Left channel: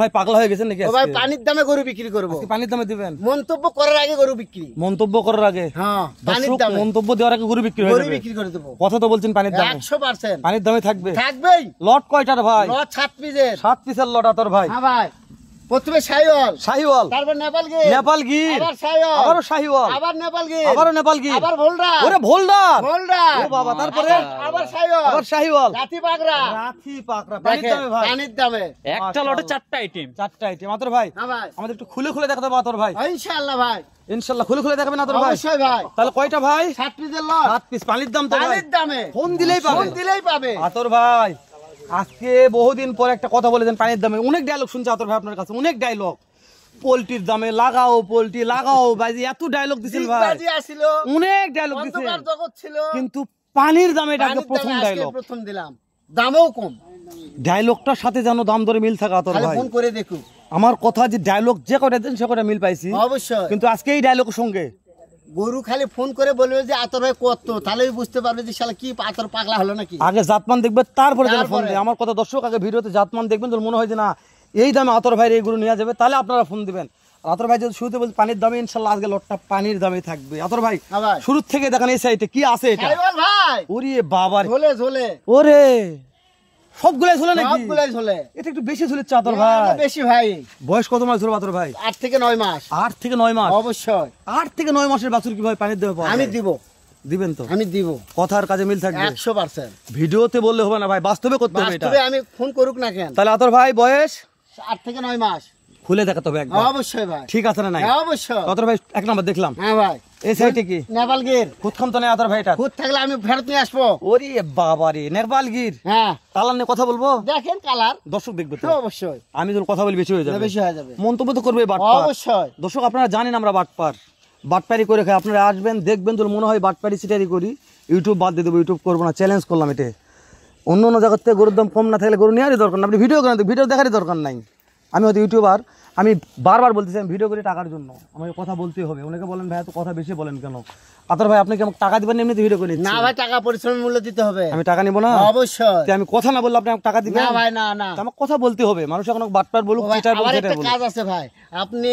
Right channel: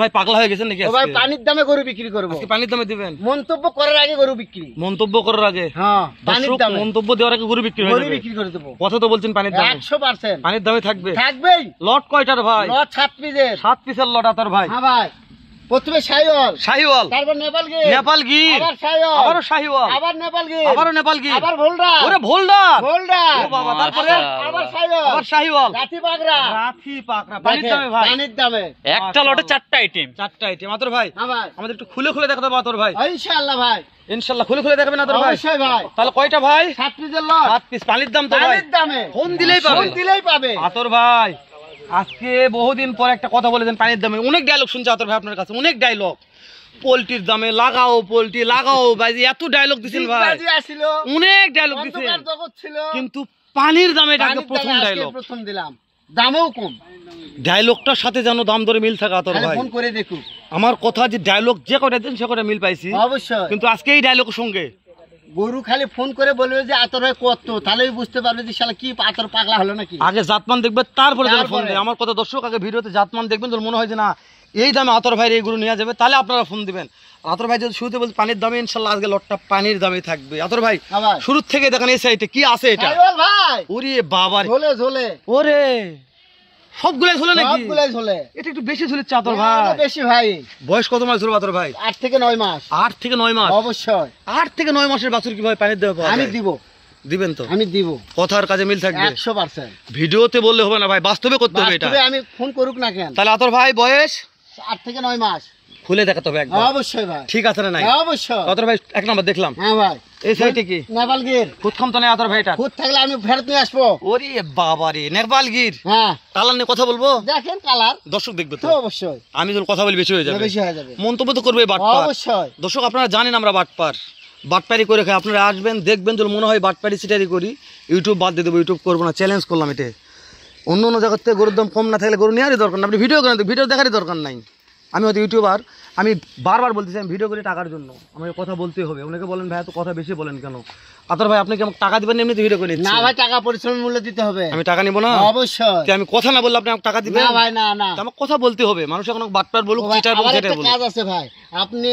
ভাই পাগলা হয়ে গেছেন নাকি? ভাই পানির দামে গরু বিক্রি করবো। পানির দামে দিবেন? মন্তব্য করার আগে গরু বিক্রি। মন্তব্য করার আগে? হ্যাঁ, পানির দামে মন্তব্য দেওয়ার আগে গরু বিক্রি হয়ে যাবে। গরু বিক্রি করে দেবো। কথা তো বলছেন পানির দামে। 100% পানির দামে থাকবে? থাকবেই। লট কয়টার ভাই? লট 7 পিসের। 7 পিসের লট আতর ভাই? হ্যাঁ ভাই। প্রথমে শাহিওয়াল, শাহিওয়াল, তারপর নেপাল গির, নেপাল গির, আবার শাহিওয়াল, আবার শাহিওয়াল, আবার নেপাল গির, আবার নেপাল গির, আবার ভোল্ডার। ওরে ভোল্ডার, ভোল্ডার। ও বাবা, তারপরে আবার শাহিওয়াল, আবার শাহিওয়াল, রাতি পাগড়া। রাতি পাকড়া। পানির দামে ভাই? পানির দামে। একটা লটে 4টা আইটেম। 4টা আইটেম আতর ভাই। হ্যাঁ ভাই। আমাদের একটু খুলে খুলে দেখাতে হবে আতর ভাই। ইনশাআল্লাহ ভাই। ইনশাআল্লাহ খুলে খুলে দেখাবেন আতর ভাই? অবশ্যই ভাই। তাহলে কয়টা ভাই? 7 পিসের লট। 7 পিস। পানির দাম তো ভাই? পানির দামে। ফোন দিলেই পাবে। ফোন দিলেই পাবে। আতর ভাই আজকে বহুদিন পর একটা কথা বলেছেন পানির দামে। অনেক ডায়লগ শুনছে আতর ভাই আপনার কাছে, অনেক ডায়লগ। পোল্ট্রির দামে লাগাও, পোল্ট্রি লাগাও ভাই, এত ডায়লগ দিছেন ভাই, বাজি আসিল, অনেক ডায়লগ দিছেন, অন্ধকার জগৎ ছিল, কিন্তু পানির দামে এটা পানির প্রথম দামে আজকে ডায়লগ। প্রথম দিলাম। দামও কম। ডায়লগটার সাথে যেন দাম দরে মিল থাকে আতর তাহলে ভাই। ফোন করে দেখো। আমার কথা যে ডায়লগ যে কটা দিন সে কটা মিল পাইছি, অবশ্যই। কিন্তু আজকে এই ডায়লগের সঙ্গে গরু খালি ফোন করে বলবে যে আতর ভাই কত, তাহলেই বুঝতে পারবে যে শালা কি আতর পাগলা হলো নাকি। আগে জাতমান দেখবে তারপরে ফোন তারপরে। দেয়। আমার কথা দর্শক আগে ভিডিওতে জাতমান দেখবেন, তো মনে হয় যে না এই দামে আতর ভাইয়ের এই গরু নেওয়া যাবে, তাহলে আপনারা ফোন দিবেন। আতর ভাই যদি শুরুতে বলতে পানির দামে, ইনশাল্লাহ আজকে লটটা পানির দামে থাকবে। আতর ভাই হ্যাঁ ভাই। শুরু থেকে দেখেন এই সাইডে কি আছে এটা। শাহিওয়াল ভাই। ওরে বাবা রে, ঝোলে ঝোলে। ওরে সবগুলাই ঝোলে নাকি? সবগুলাই ঝোলে। এটা একটু বেশি ঝুলেছে আতর ভাই। না, বেশি ভাই। বয়স কত মাস ধরে আতর ভাই? 8 থেকে 9 মাস। 8 থেকে 9 মাস? অবশ্যই। 8 থেকে 9 মাসের বাছুর কিভাবে পানির দামে পাওয়া আমি যায়? দিব। দিবেন তো? আমি দিব। কথার কাজে মিল থাকবে? 100%। ভিডিওতে বললে হবে না ভাই, বাস্তবে করতে হবে এটা। বাস্তবে আমি ফোন করুক না কেন। তাহলে আতর ভাই বয়স 8 থেকে 9 মাস। খুলে দেখাতে হবে একদম। অবশ্যই ভাই। ঠিক আছে না নাই? অবশ্যই। আতর ভাই এক নাম্বার দেখলাম। হ্যাঁ ভাই। এই সাইডে কি নেপাল গির। খুদখাম তো নাই আতর ভাইটা? খুদ থাকলে আমি ফেরত নিয়ে আসবো। ওরে বাবা রে, নেপাল গির। হ্যাঁ, কালার নিয়ে কথা বলবো, দেখেন কালার দর্শক দেখবে তো। তো অবশ্যই আমি যদি কথা বলি বেশি হয়ে যাবে, বেশি হয়ে যাবে। মন্তব্য তো করবে বাটপার। অবশ্যই। দর্শক আপনারা জানেন আমরা বাটপার, বাটপারি করে খাই। আপনারা আসবেন দেখবেন, যদি মনে হয় বাটপারি সিটারি করি, ইউটিউব বাদ দিয়ে দেবো। ইউটিউব করবো না, চ্যালেঞ্জ করলাম এটা। অন্য অন্য জায়গার থেকে গরুর দাম কম না থাকলে গরু নেওয়ারই দরকার না। আপনি ভিডিও করেন, ভিডিও দেখারই দরকার নাই। আমি হয়তো ইউটিউবার, আমি বারবার বলতেছি আমি ভিডিও করি টাকার জন্য, আমাকে কথা বলতে হবে। অনেকে বলেন ভাই তো কথা বেশি বলেন কেন? আতর ভাই আপনি কি আমাকে টাকা দিবেন? এমনিতে ভিডিও করে না ভাই, টাকা পরিশ্রম মূল্য দিতে হবে। আমি টাকা নিব না? অবশ্যই। কি আমি কথা না বললে আপনি আমাকে টাকা দিবেন? না ভাই, না না, আমাকে কথা বলতে হবে। মানুষ এখন বাটপার বলুক, ও ভাই, চিটার বলুক, আবার যেটা একটা বলুক। কাজ আছে ভাই। আপনি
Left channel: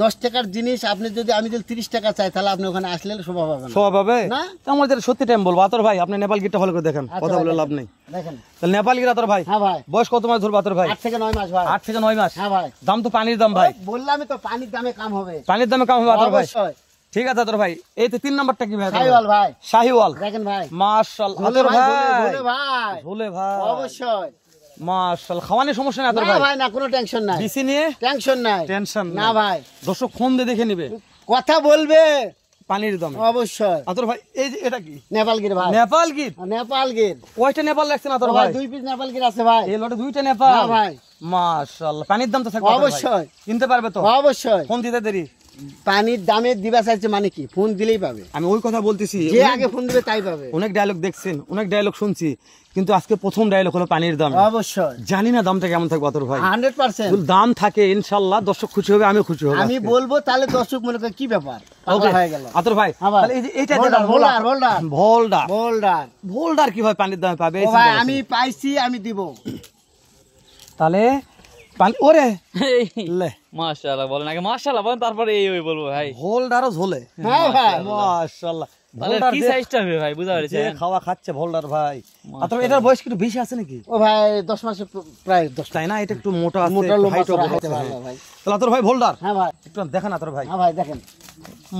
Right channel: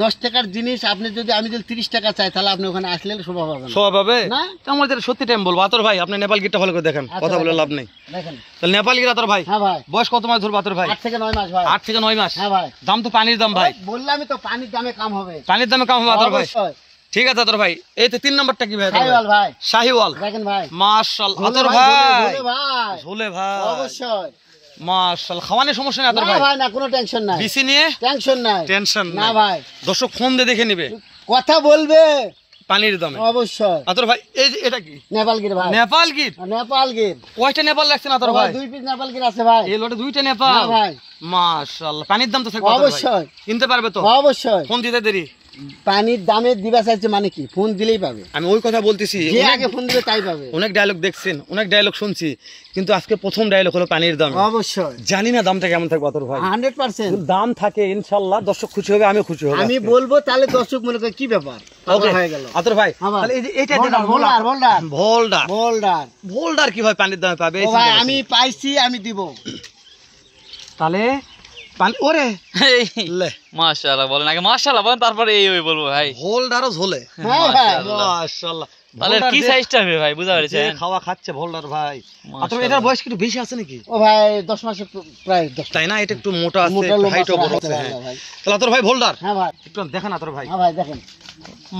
10 টাকার জিনিস আপনি যদি আমি যদি 30 টাকা চাই, তাহলে আপনি ওখানে আসলে শোভা পাবেন না। শোভা পাবে না? তো আমার যেটা সত্যি টাইম বলবো। আতর ভাই আপনি নেপাল গিরটা ভালো করে দেখেন, আচ্ছা কথা ভাই, বলে দেখেন। লাভ নেই। দেখেন। তাহলে নেপাল গির আতর ভাই হ্যাঁ ভাই। বয়স কত মাস ধরবে আতর ভাই? 8 থেকে 9 মাস ভাই। 8 থেকে 9 মাস? হ্যাঁ ভাই। দাম তো পানির দাম ভাই। বললামই তো, পানির দামে কাম হবে। পানির দামে কম হবে আতর ভাই। অবশ্যই। ঠিক আছে আতর ভাই। এই তো 3 নাম্বারটা কি ভাই? শাহিওয়াল ভাই। শাহিওয়াল। দেখেন ভাই। মাশাআল্লাহ ঝোলে আতর ভাই, ভাই। ঝোলে ভাই। ঝোলে ভাই। অবশ্যই। মাশাআল্লাহ খাওয়ানোর সমস্যা নেই আতর না ভাই? ভাই, না, কোনো টেনশন নাই। বিসি নিয়ে টেনশন নাই। টেনশন না ভাই। দর্শক ফোন দিয়ে দেখে নেবে কথা বলবে পানির দামে। অবশ্যই। আতর ভাই এই যে এটা কি? নেপাল গির ভাই। নেপাল গির? নেপাল গির। কয়টা নেপাল লাগছে না আতর ভাই? 2 পিস নেপাল গির আছে ভাই। এই লটে 2টা নেপাল? হ্যাঁ ভাই। মাশাআল্লাহ পানির দাম তো থাকবে আতর ভাই। অবশ্যই। কিনতে পারবে তো? অবশ্যই। ফোন দিতে দেরি? পানির দামে দিবা চাইছে মানে কি? ফোন দিলেই পাবে। আমি ওই কথা বলতেছি। যে আগে ফোন দিবে তাই পাবে। অনেক ডায়লগ দেখছেন, অনেক ডায়লগ শুনছি, কিন্তু আজকে প্রথম ডায়লগ হলো পানির দাম। অবশ্যই। জানি না দামটা কেমন থাকবে আতর ভাই। 100%। যদি দাম থাকে ইনশাআল্লাহ দর্শক খুশি হবে, আমিও খুশি হব। আমি বলবো, তাহলে দর্শক মনে করে কি ব্যাপার, পাগলা হয়ে গেল। আতর ভাই হ্যাঁ ভাই। তাহলে এই যে এইটা ভোল্ডার, ভোল্ডার, ভোল্ডার। ভোল্ডার। ভোল্ডার। ভোল্ডার কি ভাই পানির দামে পাবে? ও ভাই, আমি পাইছি, আমি দিব। তাহলে ওরে লে মাশাআল্লাহ বলেন, আগে মাশাআল্লাহ বলেন, তারপরে এই বলবো ভাই। ভোল্ডারও ঝোলে। হ্যাঁ ভাই। মাশাআল্লাহ। তাহলে কি সাইজটা হবে ভাই, বুঝা পেরেছেন? খাওয়া খাচ্ছে ভোল্ডার ভাই। আতর মাশাআল্লাহ। এটার বয়স কি একটু বেশি আছে নাকি? ও ভাই 10 মাসে প্রায় 10। তাই না? এটা একটু মোটা আছে, মোটা লম্বা হাইটও বড় হাইটে আছে। ভালো ভাই। তাহলে আতর ভাই ভোল্ডার হ্যাঁ ভাই। একটু দেখেন আতর ভাই। হ্যাঁ ভাই, দেখেন।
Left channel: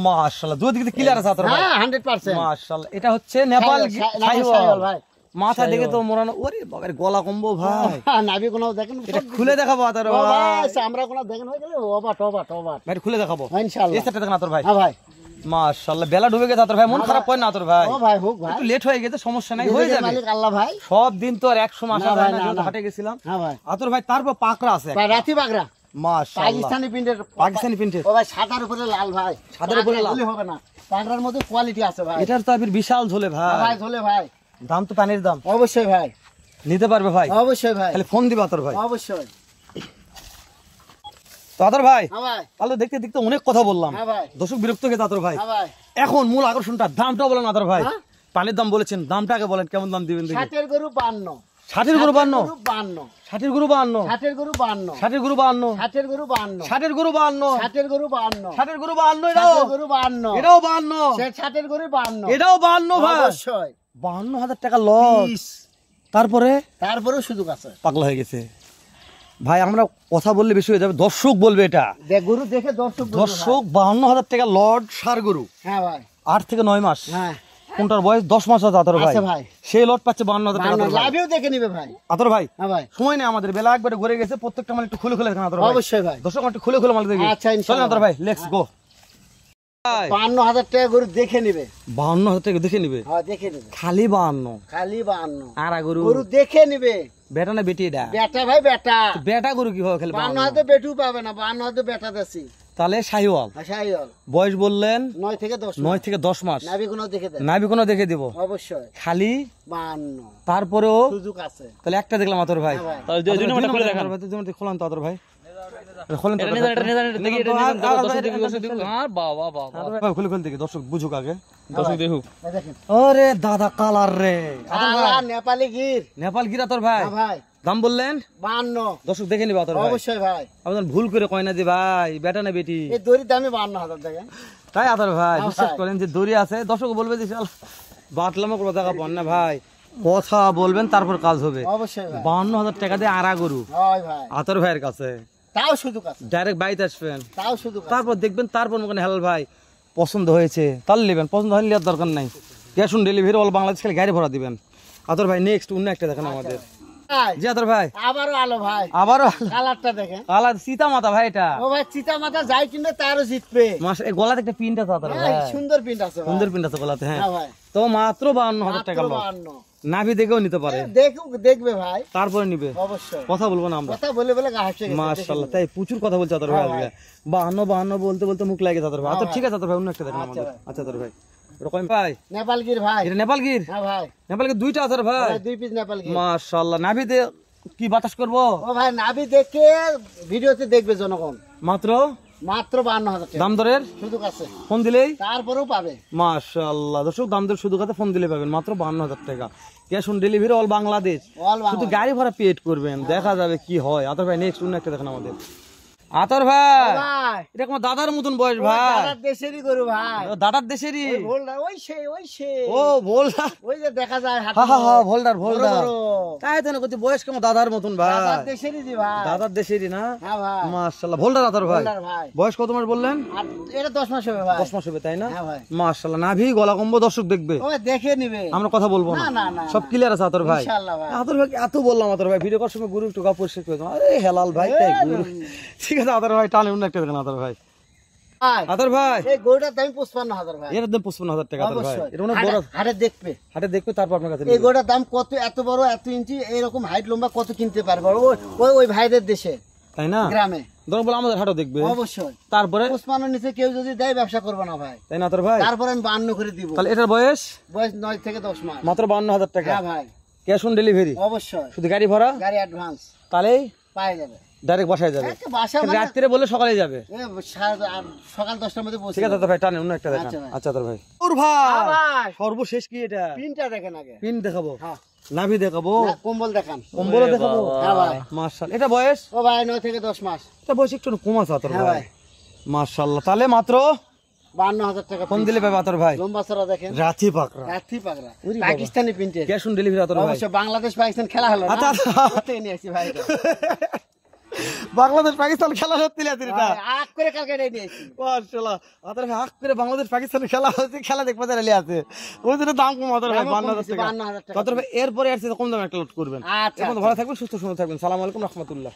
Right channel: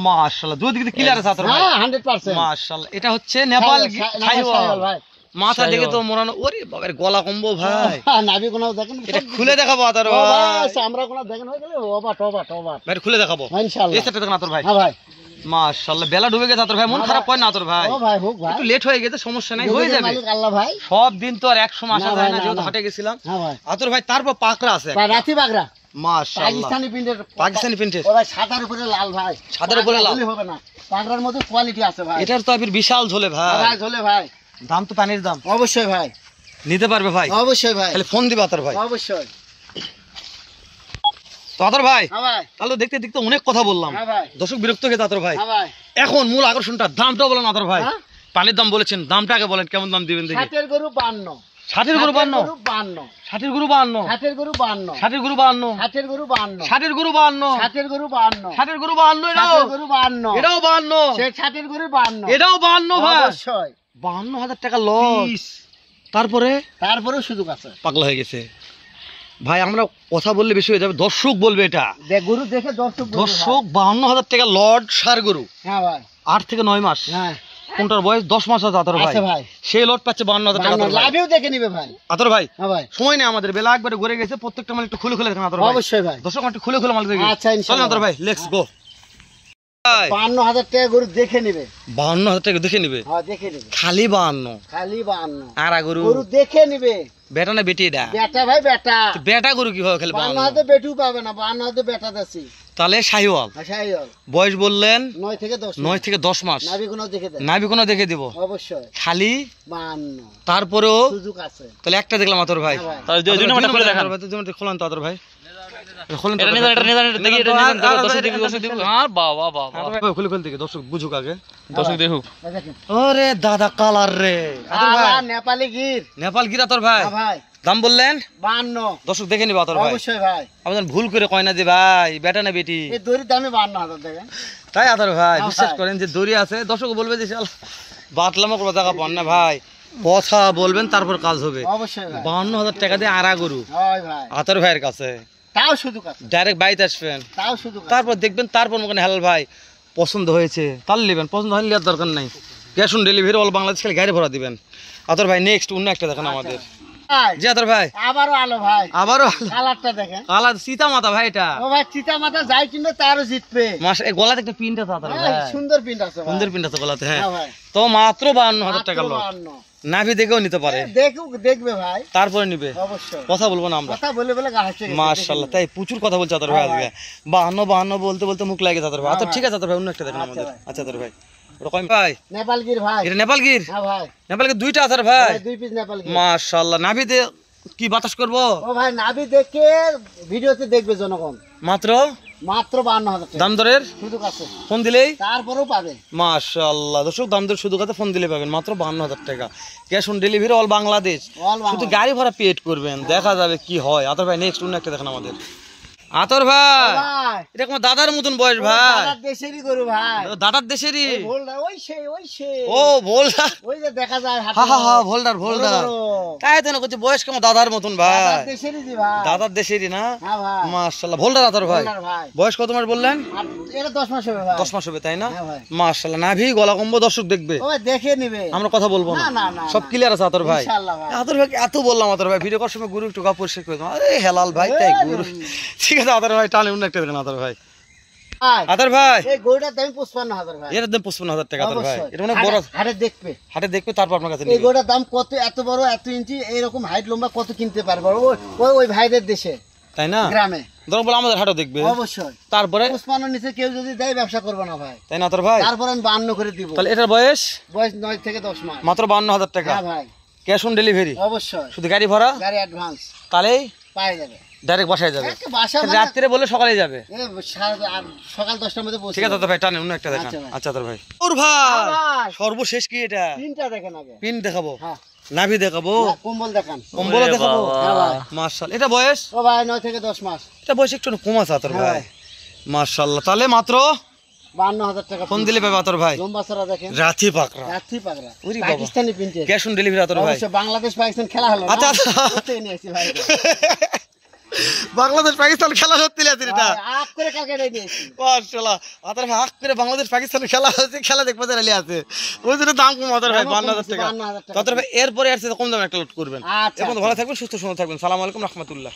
মাশাআল্লাহ দুই দিকে ক্লিয়ার আছে আতর ভাই। হ্যাঁ, 100%। মাশাআল্লাহ। এটা হচ্ছে নেপাল শাহিওয়াল ভাই। মাথা দেখে তো মোড়ানো। ওরে বাবার গলা কম্বো ভাই। নাভি কোনাও দেখেন। এটা খুলে দেখাবো আতর ও ভাই। ভাই, আমরা কোনাও দেখেন হয়ে গেলে ওবা টবা টবা। ভাই খুলে দেখাবো ইনশাআল্লাহ। এই সেটটা দেখেন আতর ভাই। হ্যাঁ ভাই। মাশাআল্লাহ বেলা ডুবে গেছে আতর ভাই, মন খারাপ হয় না আতর ভাই? ও ভাই, হোক ভাই। একটু লেট হয়ে গেছে, সমস্যা নাই, হয়ে যাবে। মালিক আল্লাহ ভাই। সব দিন তো আর 100 মাস না আসে ভাই, না, না, যেহেতু না। হাটে গেছিলাম। হ্যাঁ ভাই। আতর ভাই তারপর পাকড়া আছে ভাই, রাতি বাগরা। মাশাআল্লাহ পাকিস্তানি প্রিন্টের। পাকিস্তানি প্রিন্টের। ও ভাই, সাদার উপরে লাল ভাই। সাদার উপরে লাল। পাগড়া হলে হবে না, পাগড়ার মধ্যে কোয়ালিটি আছে ভাই। এটার তো আবির বিশাল ঝোলে ভাই। ভাই ঝোলে ভাই। দাম তো পানির দাম। অবশ্যই ভাই। নিতে পারবে ভাই? অবশ্যই ভাই। তাহলে ফোন দিবা আতর ভাই। অবশ্যই। তো আতর ভাই হ্যাঁ ভাই। তাহলে দেখতে দেখতে অনেক কথা বললাম, হ্যাঁ ভাই। দর্শক বিরক্ত হয়ে গেছে আতর ভাই। হ্যাঁ ভাই। এখন মূল আকর্ষণটা দামটা বলেন আতর ভাই। হ্যাঁ? পানির দাম বলেছেন, দামটা আগে বলেন কেমন দাম দিবেন দেখি। 60 এর গরু 52। ষাটের গরু 52, 52, ষাটের গরু 52, ষাটের গরু 52, ষাটের গরু 52, ষাটের গরু 52, ষাটের গরু 52, ষাটের গরু 52, ষাটের গরু 52, ষাটের গরু 52, এটাও 52, সে ষাটের গরু 52, এটাও 52 ভাই, অবশ্যই 52,000 টাকা লস। পিস। তারপরে তারপরেও সুযোগ আছে। পাগলা হয়ে গেছে ভাই, আমরা কথা বললে বেশি হয়ে যাবে, দর্শক বলবে এটা। গরু দেখে দর্শক বলবে দর্শক 52,000 টাকা লর্ড সার গরু, ভাই। হ্যাঁ ভাই, 8 থেকে 9 মাস, হ্যাঁ কোনটার বয়স 10 মাস আছে আতর ভাই, আছে ভাই। সেই লট পাচ্ছে 52,000 টাকা আতর ভাই। লাভেও দেখে নিবে ভাই। আতর ভাই হ্যাঁ ভাই, সময় নেই আমাদের, বেলা একবারে ঘুরে গেছে, প্রত্যেকটা মাল একটু খুলে খুলে দেখেন আতর ভাই। অবশ্যই ভাই। দর্শক একটু খুলে খুলে মাল দেখি। আচ্ছা, ইনশাআল্লাহ। চলেন আতর ভাই, লেটস গো। 52,000 টাকা গরু দেখে নিবে। 52,000 টাকা দেখে নিবে, হ্যাঁ দেখে নিবে, খালি 52। খালি 52 আর গরু গরু দেখে নিবে। বেটা না বেটি এটা? বেটা ভাই, বেটা। বেটা গরু কি হয় খালি 52 52? হাতে বেটু পাবে না, 52 হাতে বেটা দেছি। তাহলে শাহিওয়াল, আচ্ছা, বয়স বললেন 9 থেকে 10 9 থেকে 10 মাস, নাভি কোনো দেখে দেয় নাভি কোনো দেখে দিব অবশ্যই। খালি 52 তারপরেও। সুযোগ আছে। তাহলে একটা দেখলাম আতর ভাই, হ্যাঁ ভাই, তাহলে দুই নম্বরটা খুলে দেখান। খোলেন তো আতর ভাই, খোলেন তো এটা আতর নিয়ে ভাই। যান, এটা নিয়ে যান, এটা দেখি, এটা নিয়ে যান, আর- আর- দর্শক আর- দেখুক, দর্শক দেখুক। আর বাবা বাবা, আতর ভাই খুলে খুলে দেখি, দর্শক বুঝুক আগে, দর্শক দেখুক। এই দেখেন। ওরে দাদা কালার রে আতর ভাই, আলা নেপালি গির। নেপাল গির আতর ভাই, হ্যাঁ ভাই, দাম বললেন 52 দর্শক দেখে নিবা আতর ভাই। অবশ্যই ভাই। আপনার ভুল করে কয় না যে ভাই বেটা না বেটি, এই দড়ির দামে 52,000 টাকা। তাই আতর ভাই হ্যাঁ বিশ্বাস ভাই। করেন যে দড়ি আছে, দর্শক বলবে যে শালা বাতলামো করবো টাকা পান না ভাই, কথা বলবেন তারপর কাজ হবে। অবশ্যই ভাই। 52,000 টাকা দিয়ে আড়া গরু হয় ভাই, আতর ভাইয়ের কাছে, তাও সুযোগ আছে, ডাইরেক্ট বাইতে আসবেন, তাও সুযোগ আছে। তারপর দেখবেন, তারপর মনে করেন হেলাল ভাই পছন্দ হয়েছে তাহলে নেবেন, পছন্দ হলে নেওয়ার দরকার নাই, cash on delivery all Bangladesh খালি গাড়ি ভরা দিবেন। আতর ভাই নেক্সট অন্য একটা দেখেন আমাদের, ভাই, জি আতর ভাই আবারও আলো ভাই, আবারও কালারটা দেখেন। কালার সীতা মাতা ভাই, এটা ও ভাই, চিতা মাথা যাই কিনবে তারও জিতবে। মাস এই গলাতে একটা পিনটা আছে আতর ভাই, সুন্দর প্রিন্ট আছে ভাই। সুন্দর পিনটা আছে গলাতে, হ্যাঁ হ্যাঁ ভাই, তো মাত্র 52,000 টাকা মাত্র লোক, 52 নাভি দেখেও নিতে পারে, দেখুক, দেখবে ভাই, তারপরে নিবে, অবশ্যই। কথা বলবো না আমরা। কথা বলে বলে গা হাসে গেছে, মাশাআল্লাহ, তাই প্রচুর কথা বলছে আতর ভাই হ্যাঁ আজকে, 52 বলতে বলতে মুখ লাগে আতর ভাই। আচ্ছা হ্যাঁ ঠিক আছে আতর ভাই, অন্য একটা দেখেন আচ্ছা আমাদের। ভাই। আচ্ছা আতর ভাই, ওটা কয় ভাই? নেপাল গির ভাই। এটা নেপাল গির, হ্যাঁ ভাই, নেপাল গির দুইটা আতর ভাই, ভাই 2 পিস নেপাল গির। মাশাআল্লাহ। নাভিতে কি বাতাস করবো? ও ভাই, নাভি দেখে ভিডিওতে দেখবে জনগণ। মাত্র মাত্র 52,000 টাকা দাম দরের সুযোগ আছে, ফোন দিলেই, তারপরেও পাবে। মাশাআল্লাহ দর্শক, দাম দর শুধু কথা ফোন দিলে পাবেন, মাত্র 52,000 টাকা, cash on delivery all Bangladesh, all শুধু বাংলা। গাড়ি ভাড়া পেড করবেন, দেখা যাবে কি হয়। আতর ভাই নেক্সট অন্য একটা দেখেন আমাদের। আতর ভাই ভাই, এটা আমার দাদার মতন বয়স ভাই, দাদার দেশেরই গরু ভাই। দাদার দেশেরই। ওই ভোলদার, ওই সে ও ভোলদার, ওই যে দেখা যায় হাটে। হা হা হা ভোলদার বড় ভোলদার, বড়। তাই তো না করছে বয়স কেমন দাদার মতন ভাই, দাদার দেশেরই জি ভাই। দাদার দেশেরই না, হ্যাঁ ভাই, মাশাআল্লাহ। ভোলদার আতর ভাই, ভোলদার ভাই। বয়স কত মাস বললেন? আর এটা 10 মাস হবে ভাই। 10 মাস হবে তাই না? হ্যাঁ ভাই। মাশাআল্লাহ, নাভি গলা কম্বো দর্শক দেখবে, ও ভাই, দেখে নিবে। আমরা কথা বলবো না, না, না, না, সব না। ক্লিয়ার আছে আতর ভাই। ইনশাআল্লাহ ভাই। আতর ভাই এত বললাম, আতর ভাই ভিডিও করার সময় গুরু একটু গা পরিষ্কার করে দাও। আরে হেলাল ভাই তাই গুরু, ঠিক আছে আতর ভাই, টানে অন্য একটা দেখেন আতর ভাই। ভাই, আতর ভাই এই গরুটার দাম 55,000 ভাই। এর দাম 55,000 টাকা আতর ভাই, অবশ্যই। এটা অনেক বড়, হাটে দেখবে। হাটে দেখবে তারপর আপনার কাছে এই নিবে, গরুটার দাম কত, এত বড়, এত ইঞ্চি, এইরকম হাইট লম্বা কত কিনতে পারবে ওই ভাইদের দেশে, তাই না? গ্রামে। ধরুন বলে আমাদের হাটও দেখবে, অবশ্যই। তারপরে 55 নিচে কেউ যদি দেয়, ব্যবসা করবে না ভাই। তাই না আতর ভাই? তারপরে আমি 52 করে দিব। তাহলে এটার বয়স বয়স 9 থেকে 10 মাস। মাত্র 52,000 টাকা, হ্যাঁ ভাই, ক্যাশ অন ডেলিভারি, অবশ্যই। শুধু গাড়ি ভাড়া, গাড়ি অ্যাডভান্স তাহলেই পাওয়া যাবে। ডাইরেক্ট বাসায় যাবে, একটা বাসা মানে রাত্রে বলে সকালে যাবে, সকাল 10টার মধ্যে পৌঁছে ঠিক আছে আতর ভাই, টানে অন্য একটা দেখান। আচ্ছা ভাই। আচ্ছা আতর ভাই, ওর ভাই ভাই, সর্বশেষ কি এটা? তিনটা দেখেন আগে। পিন দেখাবো, হ্যাঁ, নাভি দেখাবো, না, কম্বল দেখান। কম্বল ওরে দেখাবো, বাবা। হ্যাঁ ভাই, মাশাআল্লাহ। এটা বয়স, ও ভাই 9 থেকে 10 মাস। এটা বয়স একটু কম আছে আতর হ্যাঁ ভাই, ভাই। মাশাআল্লাহ। তাহলে মাত্র 52,000 টাকা ফোন দিলে পাবে আতর ভাই, লম্বা চড়া দেখেন, রাথি পাকড়া, রাত্রি পাগড়া, ওরে বাবা। পাকিস্তানি প্রিন্টের। ক্যাশ অন ডেলিভারি আতর ভাই, অবশ্য বাংলাদেশ পাকিস্তান খেলা হলো না। আচ্ছা, আচ্ছা। কোথায় নিয়ে আসছি ভাই এটা? বাংলাদেশ পাকিস্তান খেলা হচ্ছে না এটা, ভাই, আগ করে কালকে এটাই নিয়ে এসেছি। মাশাআল্লাহ। আতর ভাই হাক করে বাংলাদেশ পাকিস্তানের খেলা হচ্ছে, খেলা দেখতে চাইলে আছে, ওই জন্য দাম কম আতর ভাই, দামও কম 52,000 টাকা। 52,000 টাকা। আতর ভাই এরপরে আর কম দামে একটা লোড করবেন। আচ্ছা, এখন ভালো থাকবেন, সুস্থ সুন্দর থাকবেন। সালাম আলাইকুম রহমতুল্লাহ।